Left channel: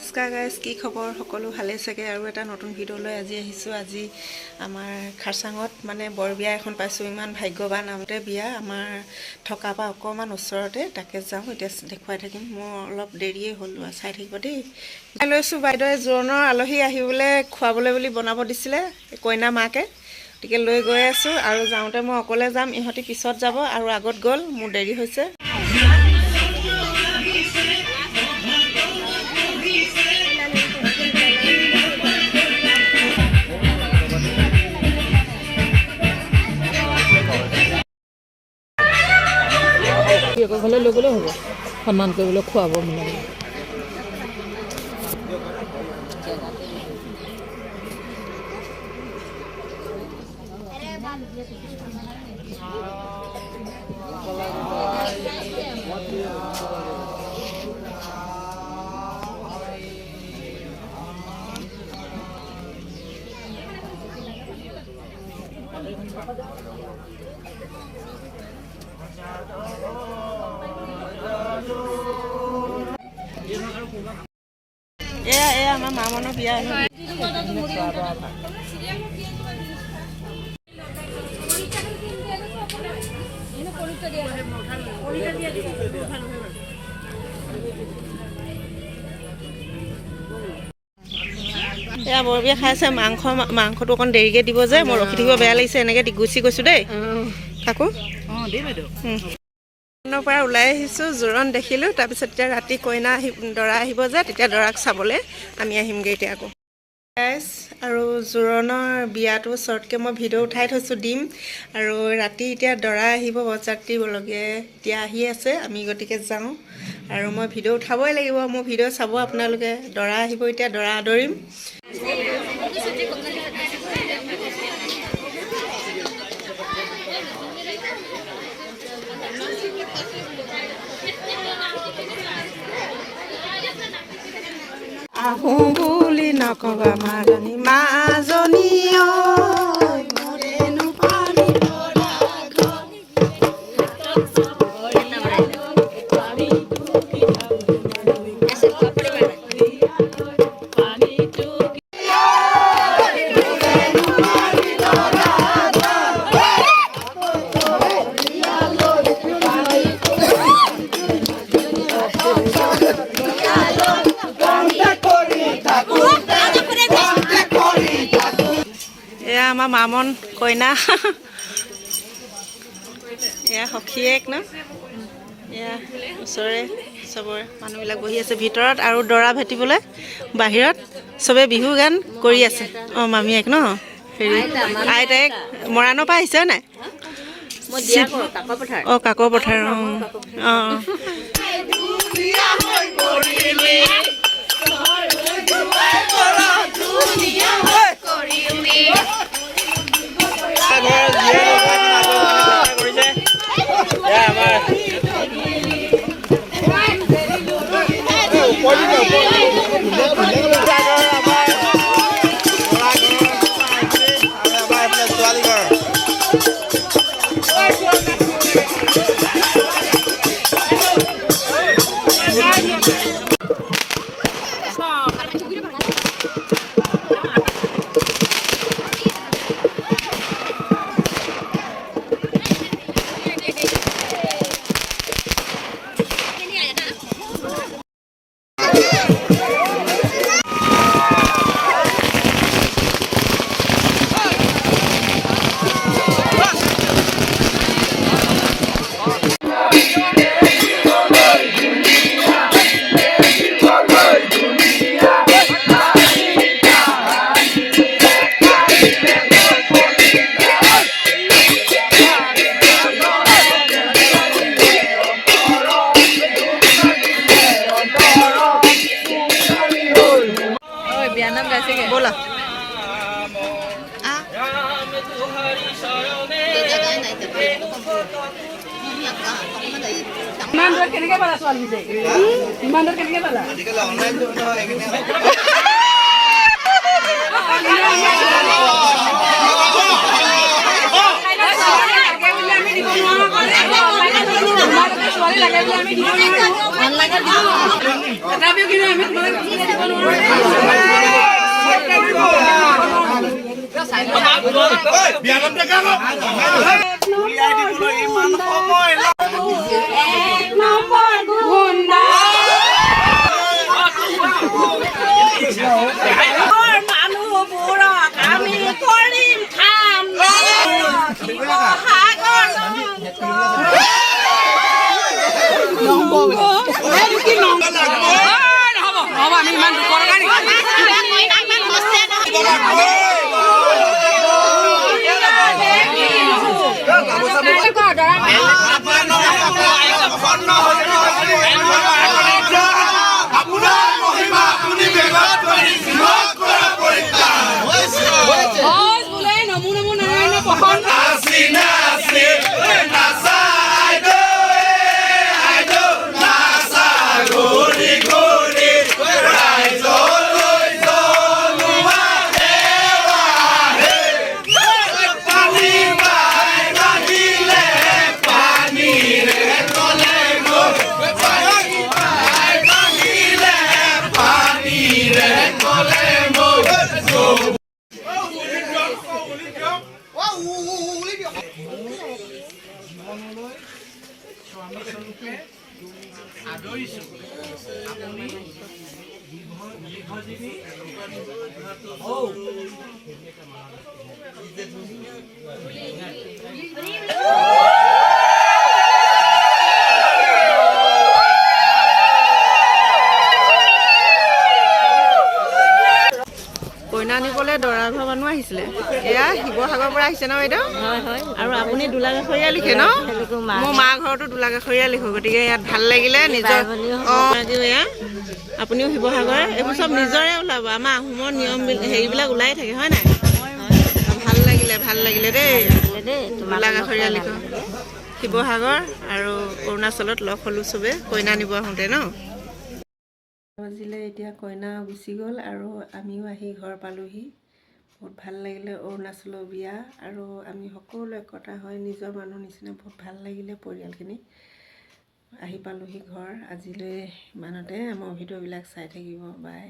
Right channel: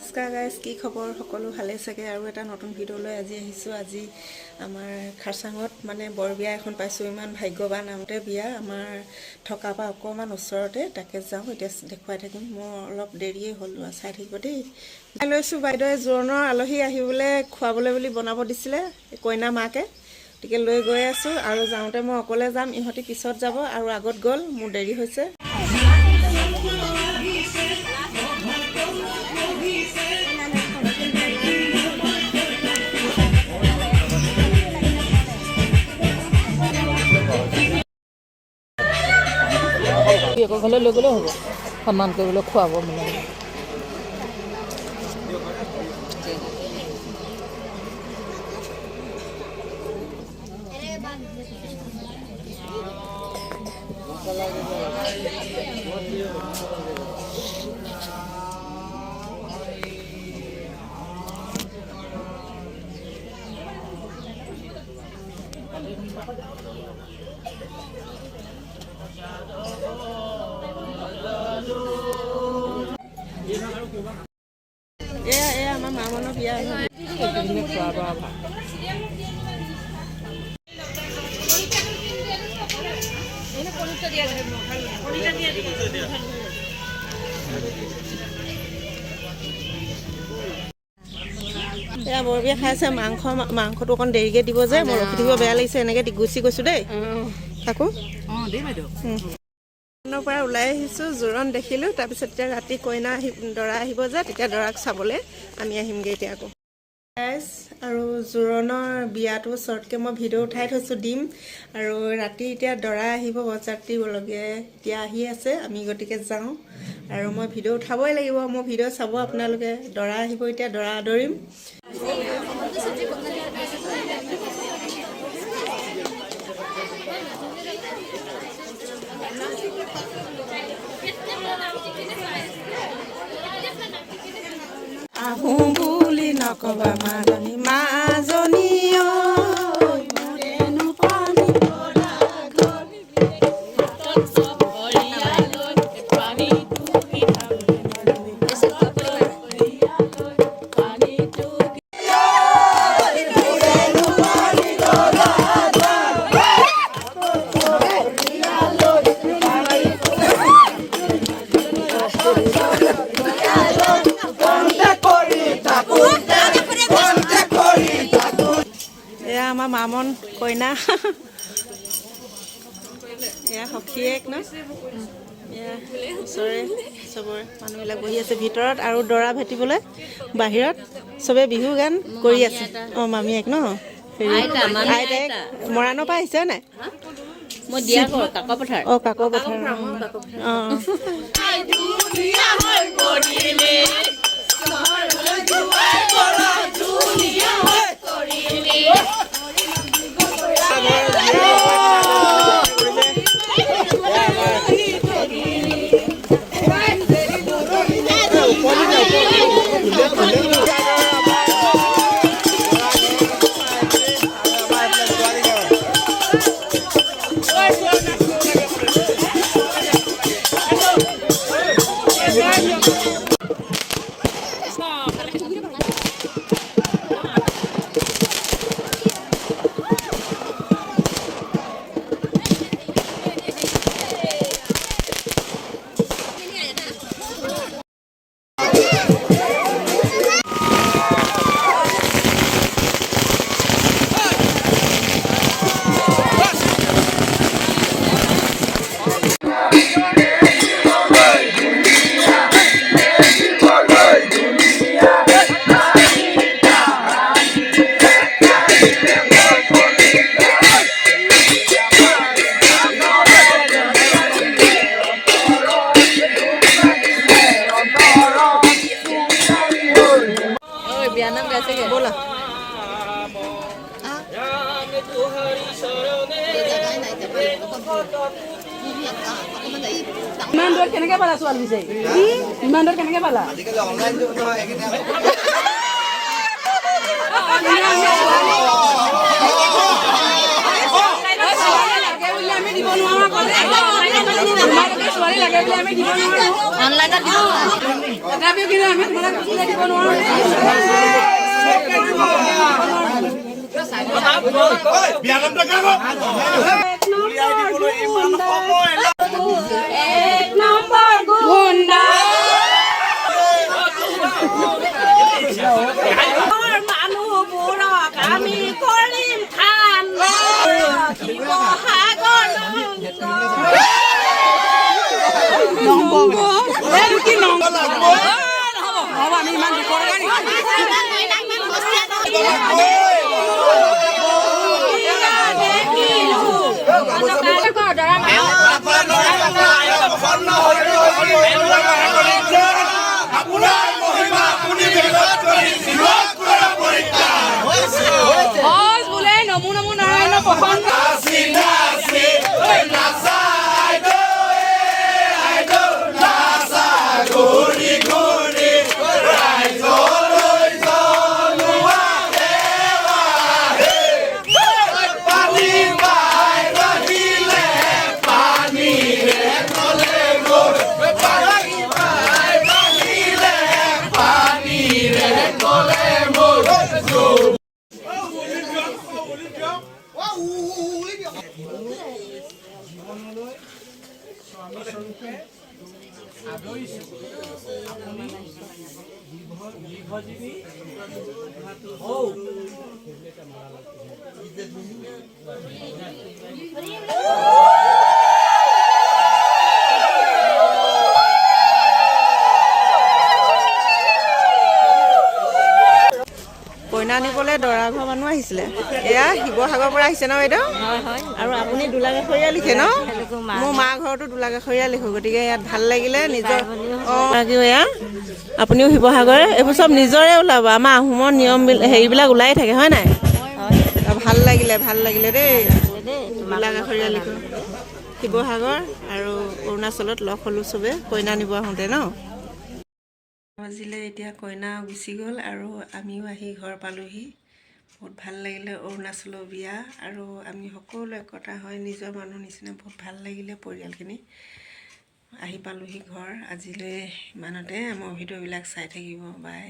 নমস্কাৰ গাইজ, কি খবৰ? সকলো ভালে চাগে। আৰু এটা নতুন ভিডিঅ'লৈ আজি আহিছোঁ। আজি আমাৰ খাৰচাঙত মানে বৰ বিয়া এখন পাইছোঁ। ইমান ভাগ্যৱান আমতে বিয়া আমাৰ থকাৰ পৰা অকণমান ওচৰতে, তাকে যাওঁ এতিয়া দেখুৱাই থাকিম। মোৰ অলপ দেৰিয়ে হ'ল, চাই থাকিব দেই। লৈছোঁ বাইদেৱে জোৰোণৰ আলহী আহিবলৈ খুৱাবলৈ বুলি বনাব দিছিলে কইনা মাকে, গতিকে লৈ গৈ আছোঁ। আৰু যাওঁতে মই অকলে যাম, ইহঁতি পিছত যাব আৰু আগত গ'ল, মোৰ দেৰি হৈছে। ঘৰলৈ লৈ গ'লেও হ'ব, সন্মান কৰিবলৈ খুৱাব মিলাব। এয়া আমাৰ মামনৰ বিয়া। এয়া বৰ বিয়া খাইছে। মাংসটো অকণ দেৰিকৈ দিব যে, মই ৰখি থাকিব বেয়া লাগিছে, এনেকৈ গুচি গৈছোঁ দেই। কাকো পৰা ওলাই আহিছোঁ, জোৰোণ দেখিলোঁ। তাৰপিছত এতিয়া ৰাতি কইনা দৰা আহিব যে, তেতিয়া দৰাক চাবলৈ আমি আহিমগৈ এতিয়া আকৌ। আৰু জোৰোণৰ বিয়াটো শ্বৰ্টকৈ মই ভিডিঅ' উঠাই থৈছোঁ, দিম। আৰু ৰাতি এতিয়া দৰা আহিব, বৰযাত্ৰী লগে এতিয়া আহি আছে, আমি গতিকে যাওঁ। আৰু মই ভিডিঅ' উঠাবই লাগিব, মোৰ ভিডিঅ' চাব আপোনালোকে। দৰা আহিব এতিয়া, দৰা আদৰিম। আহোঁ বুলি নকবা মাজনী, মাজনী এয়া আমাৰ মামন কইনা, এয়া সখীয়েক ন, এয়া ওচৰৰে চবৰে মানুহবিলাক বহি আছে ভিতৰত, আৰু দৰা ভেটিবলৈ বাহিৰত চবে বিহু গান কৰি আছে। অঁ মামীয়েক ন, হেৰি আইতাইক মৰাণৰ পৰা আহিছে নাই? অঁ কাকৰ পথাৰ। অঁ অঁ बोला। ইমান দূৰ কেনেকৈ পালা ছোৱালী বিচাৰি? ইমান দূৰ কেনেকৈ পালা? আজিকালি অনলাইন যুগ নহয়। আমি দিব নোৱাৰো। কইনা আনিবলৈ দৰা ঘৰ মানুহ আহিছিলে। এয়া শিৱসাগৰৰ পৰা আহিছে ন বাইদেউ? হয় হয়। আৰু আপুনি দোলাগাখৰীয়া লিখে ন? মোৰ মা ঘৰতো দোলাগাখৰীয়া লিখো, গতিকে ইয়াত ভাল লাগিলে নিজৰ। এয়া আপুনিও শিৱসাগৰে, এইবোৰ চব নিজৰে ওলাব। আমাৰ আহোমৰ নিয়ম হেৰিবিলাক ওলাই থাকে হয় নাই? ভাল লাগিলে দেই। দোলাগাখৰীয়া লিখো শিৱসাগৰ আৰু অৰুণাচলত লগ হ'লো চবে কইনা নিব আহোঁতে ন। বাজিলে এতিয়া কইনা গুচি গ'ল আৰু আমিও আহি ঘৰ পালোহি। বহুত ভাল লাগিলে অৰুণাচলৰ বিয়া, আৰু আমি সকলো একতা হয় নিজৰ মানুহ নিচিনা বহুত ভাল লাগিলে। পৰিয়ালখিনি আহি পালোহি ঘৰ। আজিলৈ ইমানতে, মোৰ ভিডিঅ'বিলাক চাই থাকিব। বাই।